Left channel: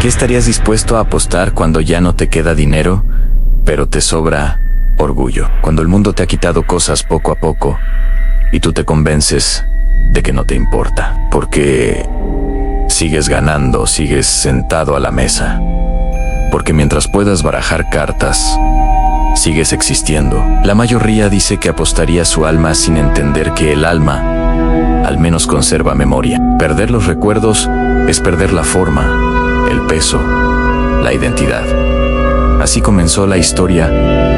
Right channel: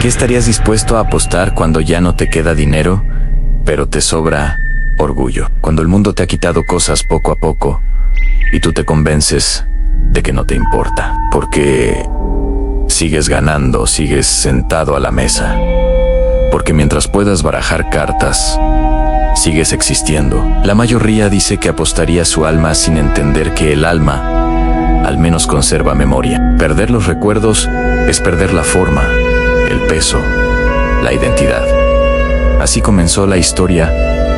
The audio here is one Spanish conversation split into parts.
¿Qué estarías dispuesto a apostar cuando ya no te queda dinero, pero te sobra orgullo? Cuando el mundo te ha quitado cosas poco a poco y tú te convences de que no te importa, porque sigues ganando, sigues sentado a la mesa, porque mientras puedas barajar cartas, sigues existiendo. La mayoría dice que apostaría su alma sin entender que el alma al menos conserva memoria. Perder los recuerdos es perder la forma, el peso, la identidad. Así comenzó la historia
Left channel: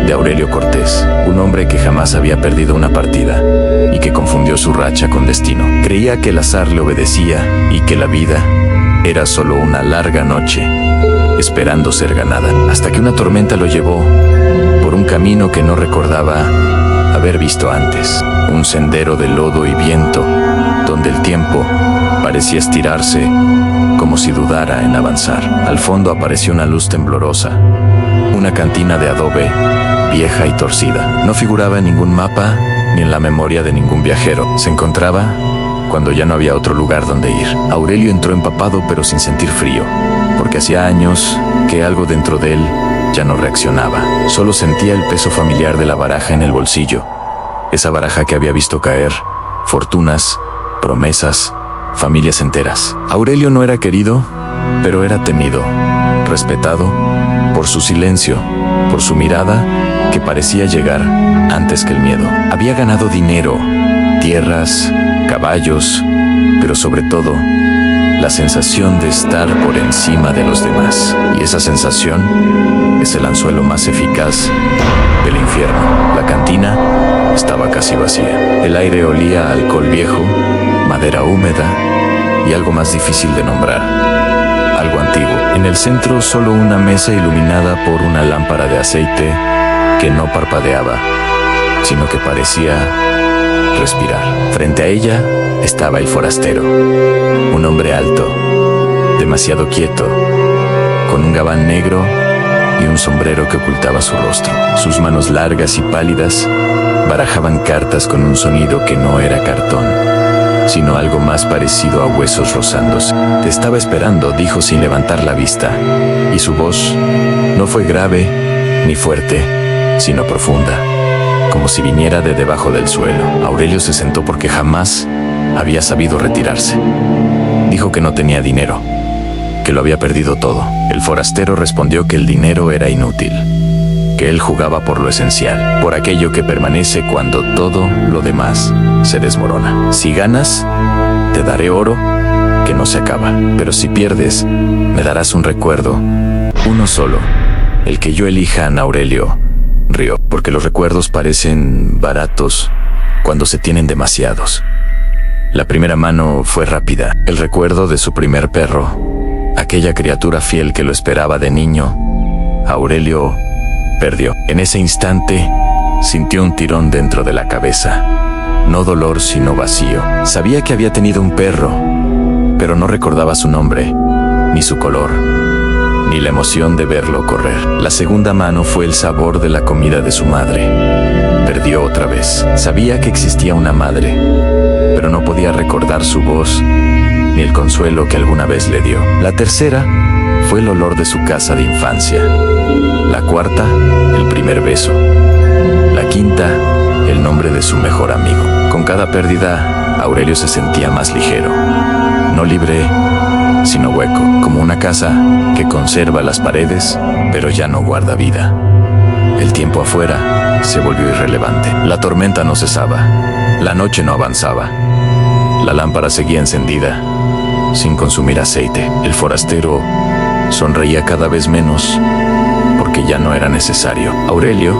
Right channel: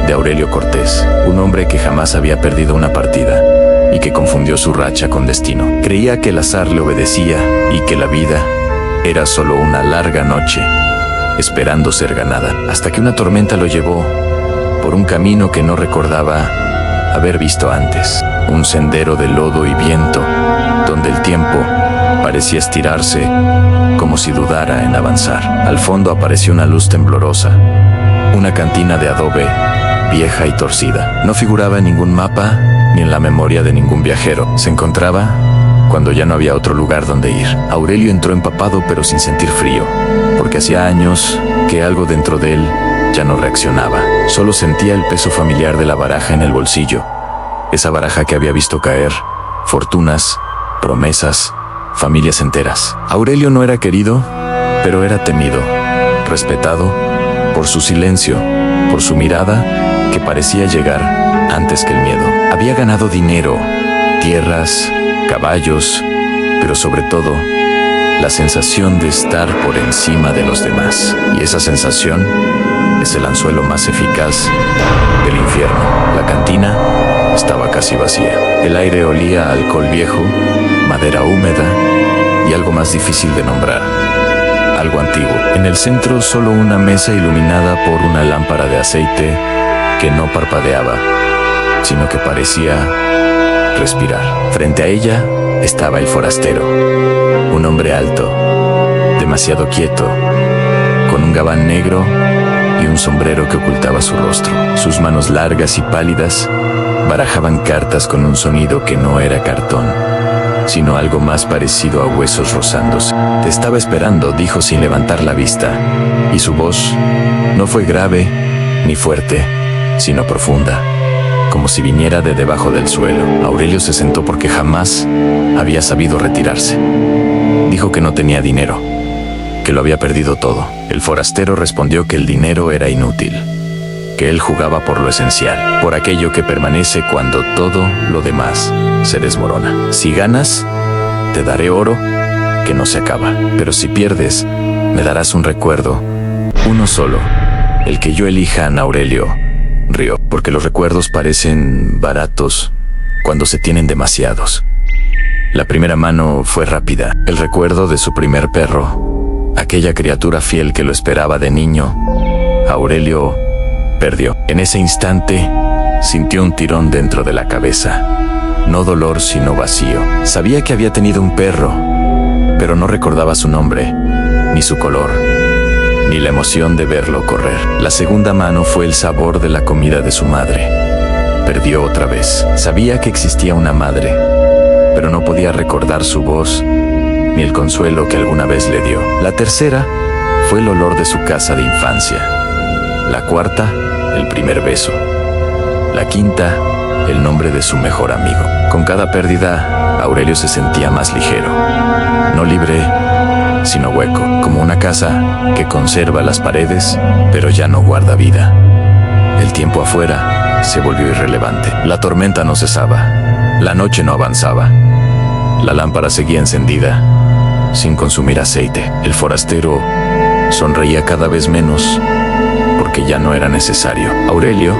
de Aurelio Cortés, un hombre que jamás había perdido una partida y que confundió su racha con destino. Creía que el azar le obedecía y que la vida era solo una larga noche esperando ser ganada, hasta que una tormenta lo llevó por un camino que no recordaba haber visto antes, un sendero de lodo y viento, donde el tiempo parecía estirarse como si dudara en avanzar. Al fondo apareció una luz temblorosa, una cantina de adobe vieja y torcida. No figuraba en ningún mapa ni en la memoria de ningún viajero. Se encontraba cuando ya no había otro lugar donde ir. Aurelio entró empapado pero sin sentir frío, porque hacía años que algo dentro de él ya no reaccionaba. Solo sentía el peso familiar de la baraja en el bolsillo, esa baraja que había visto caer fortunas, promesas, familias enteras. Aurelio no era querido, pero era temido, respetado por su silencio, por su mirada que parecía llegar antes que el miedo. Había ganado dinero, tierras, caballos, pero sobre todo, la sensación de estar por encima de los demás. Y esa sensación es el anzuelo más eficaz del infierno. La cantina estaba casi vacía. El aire olía a alcohol viejo, madera húmeda y algo más difícil de nombrar, algo antiguo. En el centro solo una mesa iluminada por una lámpara de aceite que no parpadeaba, sino que parecía respirar. Frente a ella estaba el forastero, un hombre alto, demasiado quieto, con un gabán negro y un sombrero que ocultaba su rostro. Sus manos largas y pálidas barajaban cartas con un sonido que no era cartón, sino algo más parecido a huesos rozándose. Te estaba esperando, dijo sin levantar la vista, y su voz no fue grave ni fuerte, sino profunda, como si viniera de debajo del suelo. Aurelio se sentó porque jamás había sabido retirarse. Dijo que no tenía dinero, que lo había perdido todo. El forastero respondió que el dinero era inútil, que él jugaba por lo esencial, por aquello que permanece cuando todo lo demás se desmorona. Si ganas, te daré oro que no se acaba, pero si pierdes, me darás un recuerdo, uno solo, el que yo elija. Aurelio rió, porque los recuerdos parecen baratos cuando se tienen demasiados. La primera mano fue rápida, el recuerdo de su primer perro, aquella criatura fiel que lo esperaba de niño. Aurelio perdió. En ese instante, sintió un tirón dentro de la cabeza. No dolor, sino vacío. Sabía que había tenido un perro, pero no recordaba su nombre, ni su color, ni la emoción de verlo correr. La segunda mano fue el sabor de la comida de su madre. Perdió otra vez. Sabía que existía una madre, pero no podía recordar su voz, ni el consuelo que alguna vez le dio. La tercera fue el olor de su casa de infancia. La cuarta, el primer beso. La quinta, el nombre de su mejor amigo. Con cada pérdida, Aurelio se sentía más ligero. No libre, sino hueco, como una casa que conserva las paredes, pero ya no guarda vida. El tiempo afuera se volvió irrelevante. La tormenta no cesaba. La noche no avanzaba. La lámpara seguía encendida, sin consumir aceite. El forastero sonreía cada vez menos, porque ya no era necesario. Aurelio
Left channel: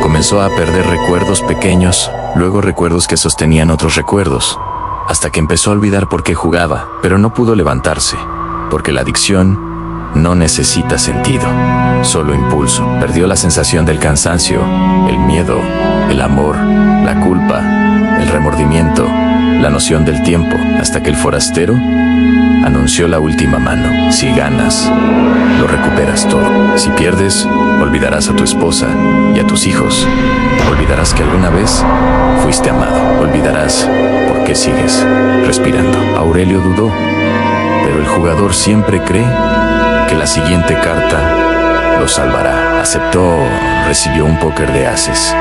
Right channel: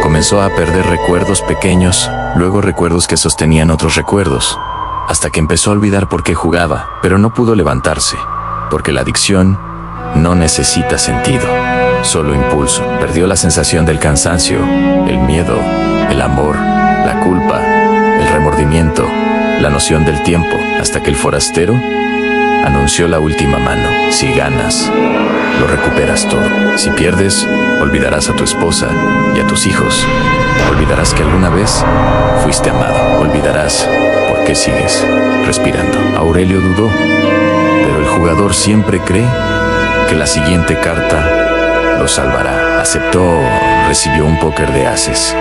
comenzó a perder recuerdos pequeños, luego recuerdos que sostenían otros recuerdos, hasta que empezó a olvidar por qué jugaba, pero no pudo levantarse, porque la adicción no necesita sentido, solo impulso. Perdió la sensación del cansancio, el miedo, el amor, la culpa, el remordimiento, la noción del tiempo, hasta que el forastero anunció la última mano. Si ganas, lo recuperas todo. Si pierdes, olvidarás a tu esposa y a tus hijos. Olvidarás que alguna vez fuiste amado. Olvidarás por qué sigues respirando. Aurelio dudó, pero el jugador siempre cree que la siguiente carta lo salvará. Aceptó, recibió un póker de ases.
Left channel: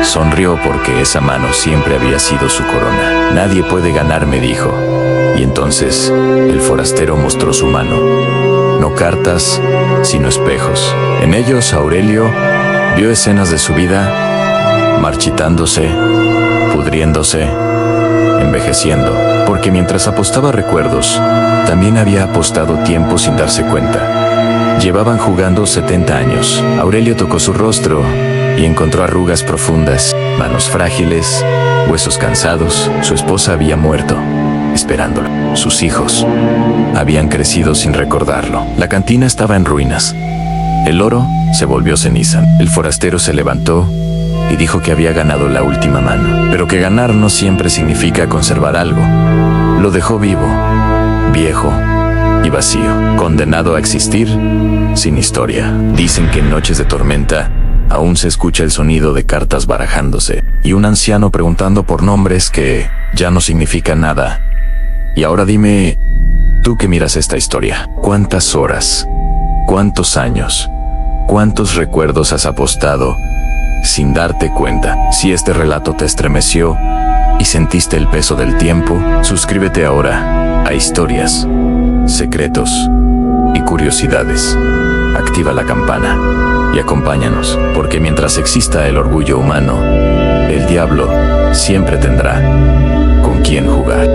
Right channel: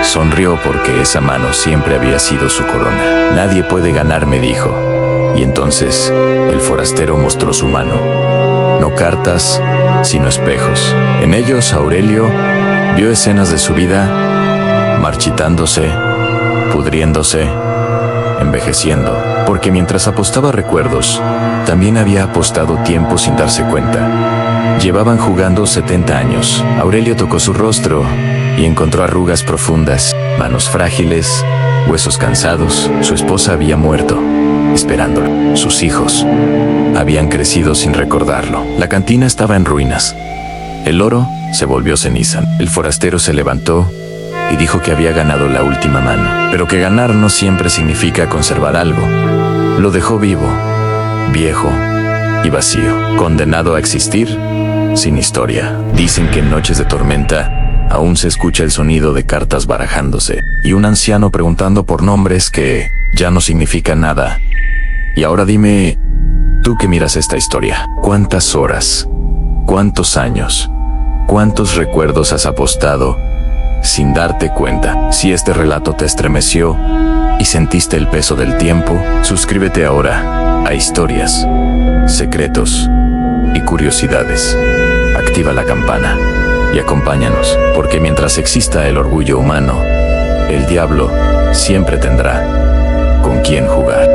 Sonrió porque esa mano siempre había sido su corona. Nadie puede ganar, me dijo. Y entonces el forastero mostró su mano. No cartas, sino espejos. En ellos Aurelio vio escenas de su vida, marchitándose, pudriéndose, envejeciendo, porque mientras apostaba recuerdos, también había apostado tiempo sin darse cuenta. Llevaban jugando 70 años. Aurelio tocó su rostro y encontró arrugas profundas, manos frágiles, huesos cansados. Su esposa había muerto, esperándolo. Sus hijos habían crecido sin recordarlo. La cantina estaba en ruinas. El oro se volvió ceniza. El forastero se levantó y dijo que había ganado la última mano, pero que ganar no siempre significa conservar algo. Lo dejó vivo, viejo y vacío, condenado a existir sin historia. Dicen que en noches de tormenta aún se escucha el sonido de cartas barajándose y un anciano preguntando por nombres que ya no significan nada. Y ahora dime, tú que miras esta historia, ¿cuántas horas, cuántos años, cuántos recuerdos has apostado sin darte cuenta? Si este relato te estremeció y sentiste el peso del tiempo, suscríbete ahora a Historias, Secretos y Curiosidades. Activa la campana y acompáñanos, porque mientras exista el orgullo humano, el diablo siempre tendrá con quién jugar.